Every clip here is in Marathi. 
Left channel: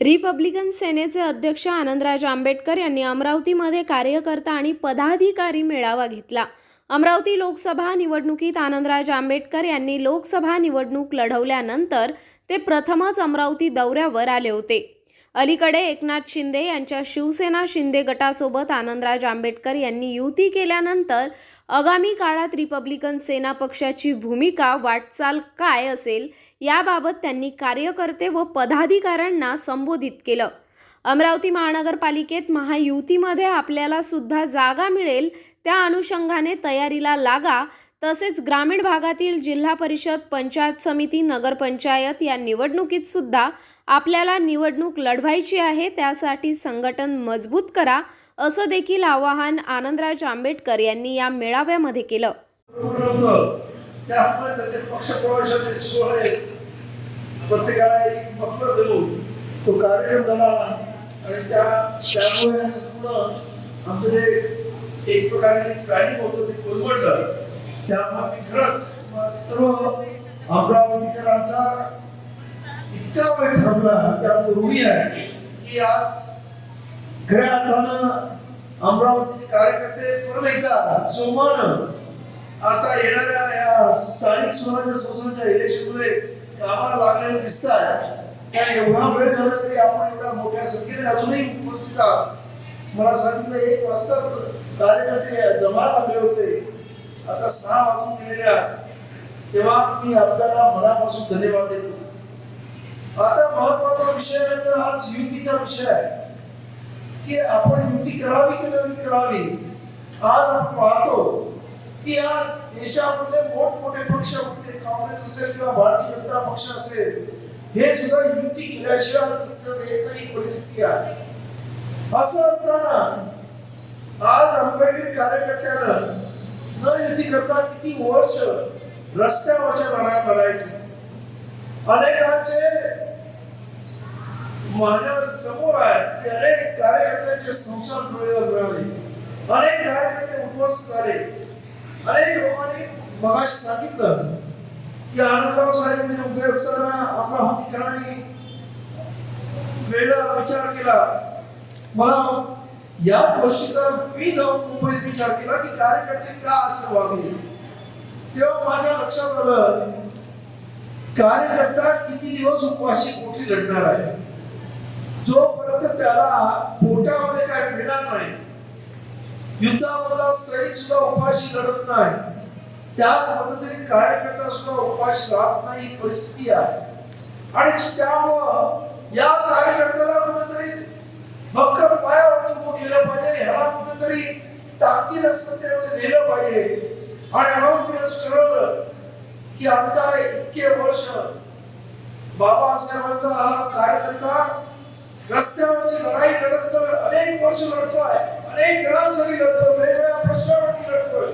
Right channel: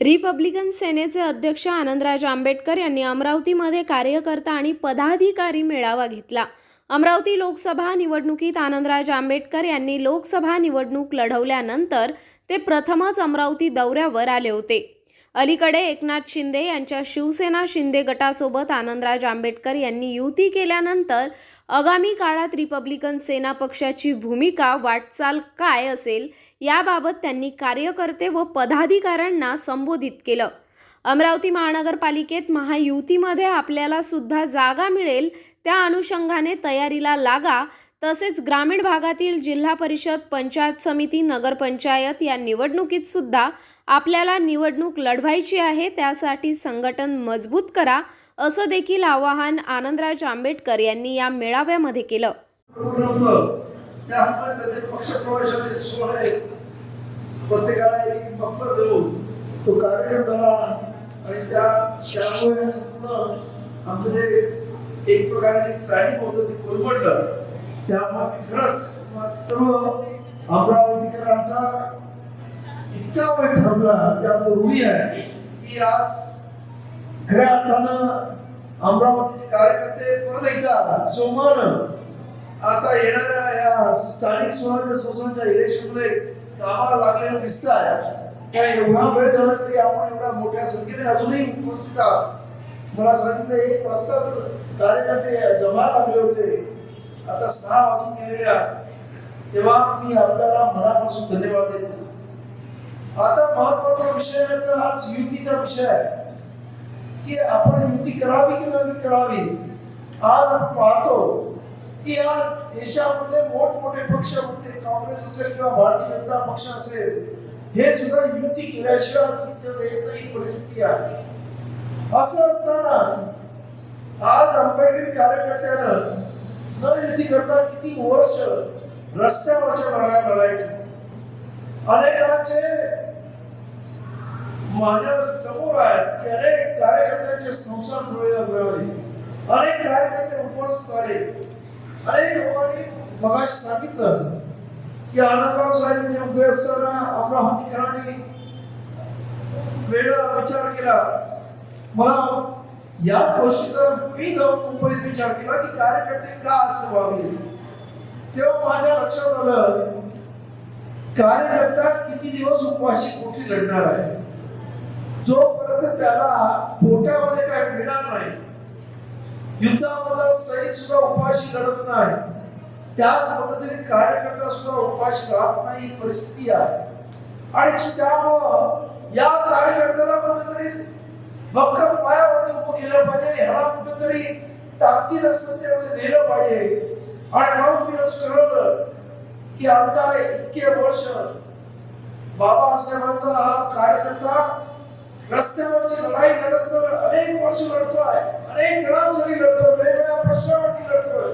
रिपब्लिकन सेनेचे अध्यक्ष आनंदराज आंबेडकर यांनी अमरावतीमध्ये कार्यकर्ता आणि पदाधिकारी मेळावा घेतला. अमरावती लोकसभा निवडणुकीत आनंदराज आंबेडकर यांनी लोकसभा निवडणूक लढवल्यानंतर ते प्रथमच अमरावती दौऱ्यावर आले होते. अलीकडे एकनाथ शिंदे यांच्या शिवसेना शिंदे गटासोबत आनंदराज आंबेडकर यांनी युती केल्यानंतर आगामी काळात रिपब्लिकन सेना पक्षाची भूमिका वाटचाल काय असेल याबाबत त्यांनी कार्यकर्ते व पदाधिकाऱ्यांना संबोधित केलं. अमरावती महानगरपालिकेत महायुतीमध्ये आपल्याला सुद्धा जागा मिळेल त्या अनुषंगाने तयारीला लागा तसेच ग्रामीण भागातील जिल्हा परिषद पंचायत समिती नगरपंचायत या निवडणुकीत सुद्धा आपल्याला निवडणूक लढवायची आहे त्यासाठी संघटन मजबूत करा असं देखील आवाहन आनंदराज आंबेडकर यांनी या मेळाव्यामध्ये केलं. तो कार्यक्रम झाला. आणि त्या त्यामुळे संपूर्ण आमचं जे एक प्रकारे प्लॅनिंग होतं ते कोलमडलं. त्यामुळे खरंच सर्व अमरावतीकरांचा इतका वेळ थांबला त्यामुळे ऋणी आहे. की आज खऱ्या अर्थानं अमरावतीचे कार्यकर्ते परत एकदा जोमानं आता येणाऱ्या या स्थानिक स्वराज्य संस्थांच्या इलेक्शनमध्ये कामाला लागलेलं दिसत आहे काय एवढा वेळ झाला तरी आपण एवढ्या मोठ्या संख्येने अजूनही उपस्थित आहात. मला सांगितलं एक वाजता कार्यकर्ते जमा लागले होते. आता सहा वाजून गेलेल्या तेव्हा मी आपल्याला मनापासून धन्यवाद देतो. आता महत्त्वाचा विषय आहे आज युतीचा विषय आहे. की आपण युती करावी की नाही करावी? आज आपण पाहतो की या देशामध्ये मोठमोठे पक्ष होते. काँग्रेस असेल किंवा भारतीय जनता पक्ष असेल, हे सुद्धा युती केल्याशिवाय सिद्ध येत नाही परिस्थिती आहे. असं असताना आज आंबेडकरी कार्यकर्त्यानं न युती करता किती वर्ष रस्त्यावरच्या लढा लढायचे. अनेकांचे माझ्यासमोर आहेत. की अनेक कार्यकर्त्यांचे संसार मिळवले अनेक कार्यकर्ते उपवास झाले. अनेक लोकांनी मगाशी सांगितलं की आनंदराव साहेब इथे उभे असताना अमरावतीकरांनी वेगळा विचार केला. मला या गोष्टीचा मी जाऊन मुंबईत विचार केला की कार्यकर्ते का असं वागले? तेव्हा माझ्या लक्षात आलं कार्यकर्ता किती दिवस उपवाशी पोटी लढणार आहे? जोपर्यंत त्याला पोटामध्ये काय मिळणार नाही युद्धामधला सैनिक सुद्धा उपाशी लढत नाही त्याच पद्धतीने कार्यकर्ता सुद्धा उपाशी राहत नाही परिस्थिती आहे. आणि त्यामुळं या कार्यकर्त्याला कुठेतरी भक्कम पायावरती उभं केलं पाहिजे ह्याला कुठेतरी ताकदीनं सत्तेमध्ये नेलं पाहिजे. आणि म्हणून मी असं ठरवलं की आता इतके वर्ष बाबासाहेबांचा हा कार्यकर्ता रस्त्यावरची लढाई लढत तर अनेक वर्ष लढतोय अनेक जणांसाठी लढतो वेगवेगळ्या प्रश्नावरती लढतोय.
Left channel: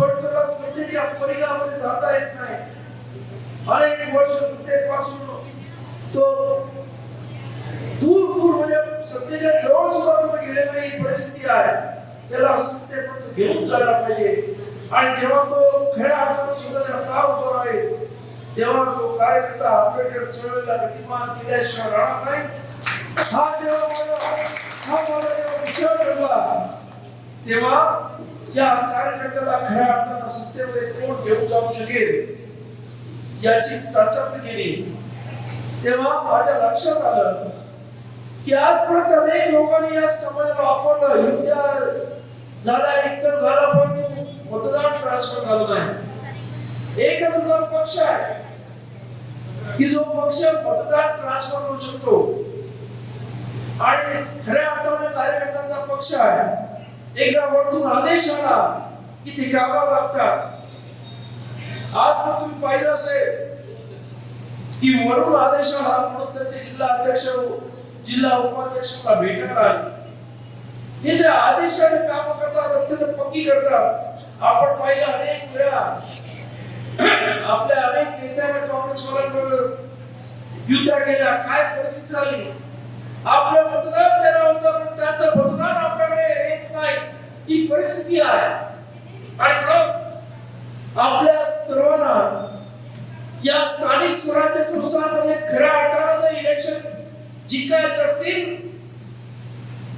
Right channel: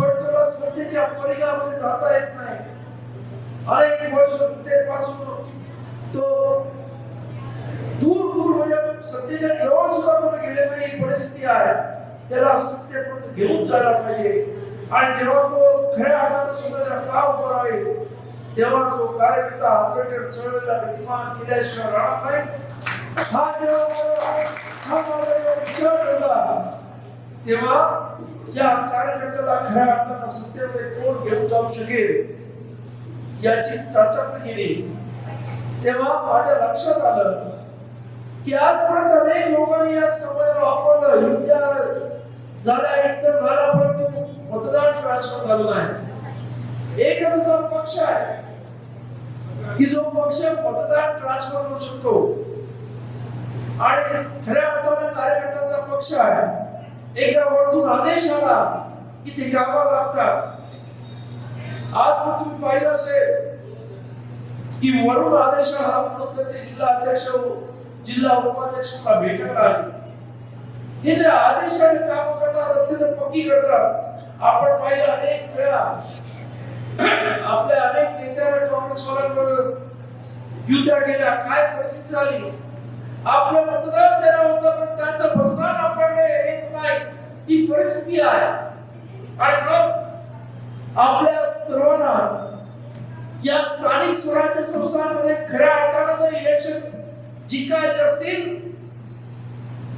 पण त्याला सत्तेच्या परिघामध्ये जाता येत नाही. अनेक वर्ष सत्तेपासून तो दूर दूर म्हणजे सत्तेच्या जवळ सुद्धा कुठे गेले नाही परिस्थिती आहे. त्याला सत्तेपर्यंत घेऊन जायला पाहिजे. आणि जेव्हा तो खऱ्या अर्थानं स्वतःच्या पाव उभा राहील तेव्हा तो कार्यकर्ता आंबेडकर चळवळीला गतिमान केल्याशिवाय राहणार नाही. हा जेव्हा हा मला विचार करला तेव्हा या कार्यकर्त्याला खऱ्या अर्थानं सत्तेमध्ये कोण घेऊन जाऊ शकेल याची चाचपणी केली. तेव्हा माझ्या लक्षात आलं की आजपर्यंत अनेक लोकांनी या समाजाला वापरलं. युद्धा एक एकतर झाला पण मतदान ट्रान्सफर झालं नाही. एकच असा पक्ष आहे की जो पक्ष पथकात ट्रान्सफर करू शकतो. आणि खऱ्या अर्थाने कार्यकर्त्यांचा पक्ष आहे. एकदा वरतून आदेश आला की ते गावा लागतात. आज मग तुम्ही पाहिलं असेल की वरून आदेश आला म्हणून त्याचे जिल्हा अध्यक्ष हो, जिल्हा उपाध्यक्षाला भेटणार आहे हे जे आदेशाने काम करतात अत्यंत पक्की करतात. आपण पाहिलं अनेक वेळा आपल्या अनेक नेत्यांना काँग्रेसवाल्यांबरोबर युद्ध केला काय परिस्थिती झाली? आपलं मतदान देणार होतं पण त्यांचं मतदान आपल्याकडे येत नाही. ही परिस्थिती आहे. आणि मग आपल्या सर्वांना या स्थानिक स्वराज्य संस्थांमध्ये खऱ्या अर्थानं इलेक्शन जिंकायचे असतील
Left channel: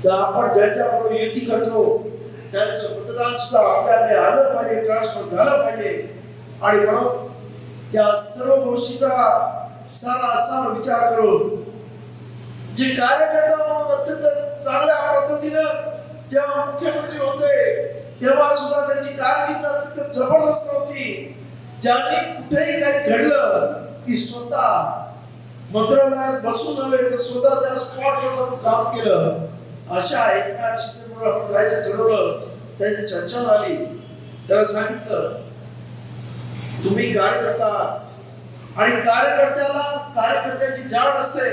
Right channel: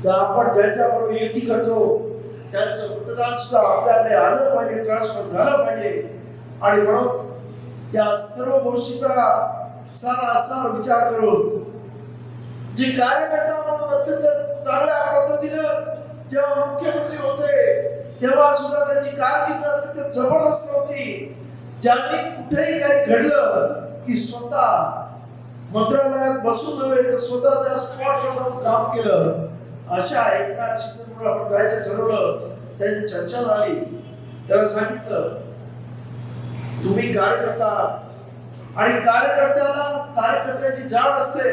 तर आपण ज्यांच्याबरोबर युती करतो. त्यांचं मतदान सुद्धा आपल्याकडे आलं पाहिजे ट्रान्सफर झालं पाहिजे. आणि म्हणून या सर्व गोष्टीचा सारा असा विचार करून जे कार्यकर्ता म्हणून अत्यंत चांगल्या पद्धतीनं जेव्हा मुख्यमंत्री होते तेव्हा सुद्धा त्यांची कारकीर्द अत्यंत जबरदस्त होती. ज्यांनी कुठेही काही घडलं की स्वतः मंत्रालयात बसून नव्हे तर स्वतः त्या स्पॉटवर जाऊन काम केलं. अशा एकनाथ शिंदे आपण जायचं ठरवलं त्याची चर्चा झाली. त्याला सांगितलं तुम्ही कार्यकर्ता आणि कार्यकर्त्याला कार्यकर्त्याची जाण असते.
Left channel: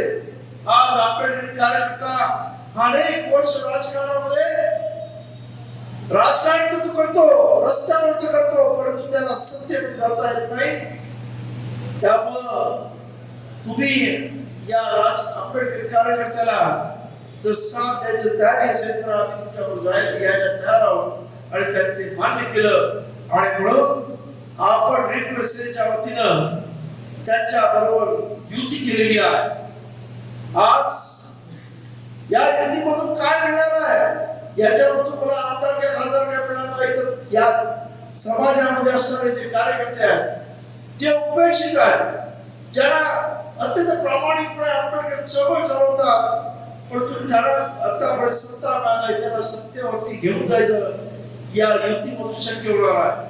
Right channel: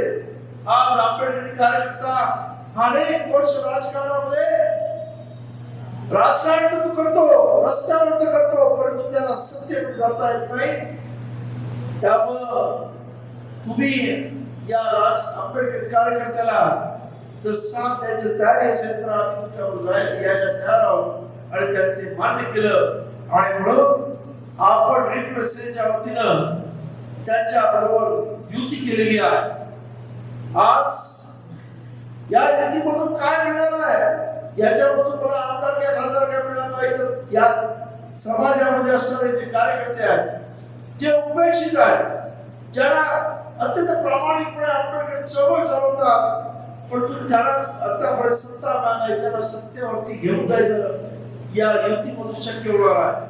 आज आंबेडकरी कार्यकर्ता अनेक वर्ष राजकारणामध्ये राजकारण तर तू करतो रस्त्यावरच करतो परंतु त्याला सत्य जाता येत नाही. त्यामुळं तुम्ही या राज आंबेडकर कार्यकर्त्याला जर साथ द्यायचं तयारी असेल तर आम्ही तुमच्यावर जायला यायला तयार आहोत. आणि त्याने ते मान्य केलं. आणि म्हणून आपण रिप्रेझेंटच्या वतीनं त्यांच्या बरोबर युती केलेली आहे. आज या युतीमधून काय मिळणार आहे? याच्यामधून मला आमदार काय खासदार काय मिळणार नाही? तर या समाजामध्ये असणारे जे कार्यकर्ते आहेत जे उपेक्षित आहेत ज्यांना अत्यंत प्रामाणिकपणे आपल्याकडे चळवळ चालवतात परंतु त्यांना आतापर्यंत सत्ता मिळाली त्यांना सत्तेवरती घेऊन जायचं या युतीमधून शक्य होणार आहे.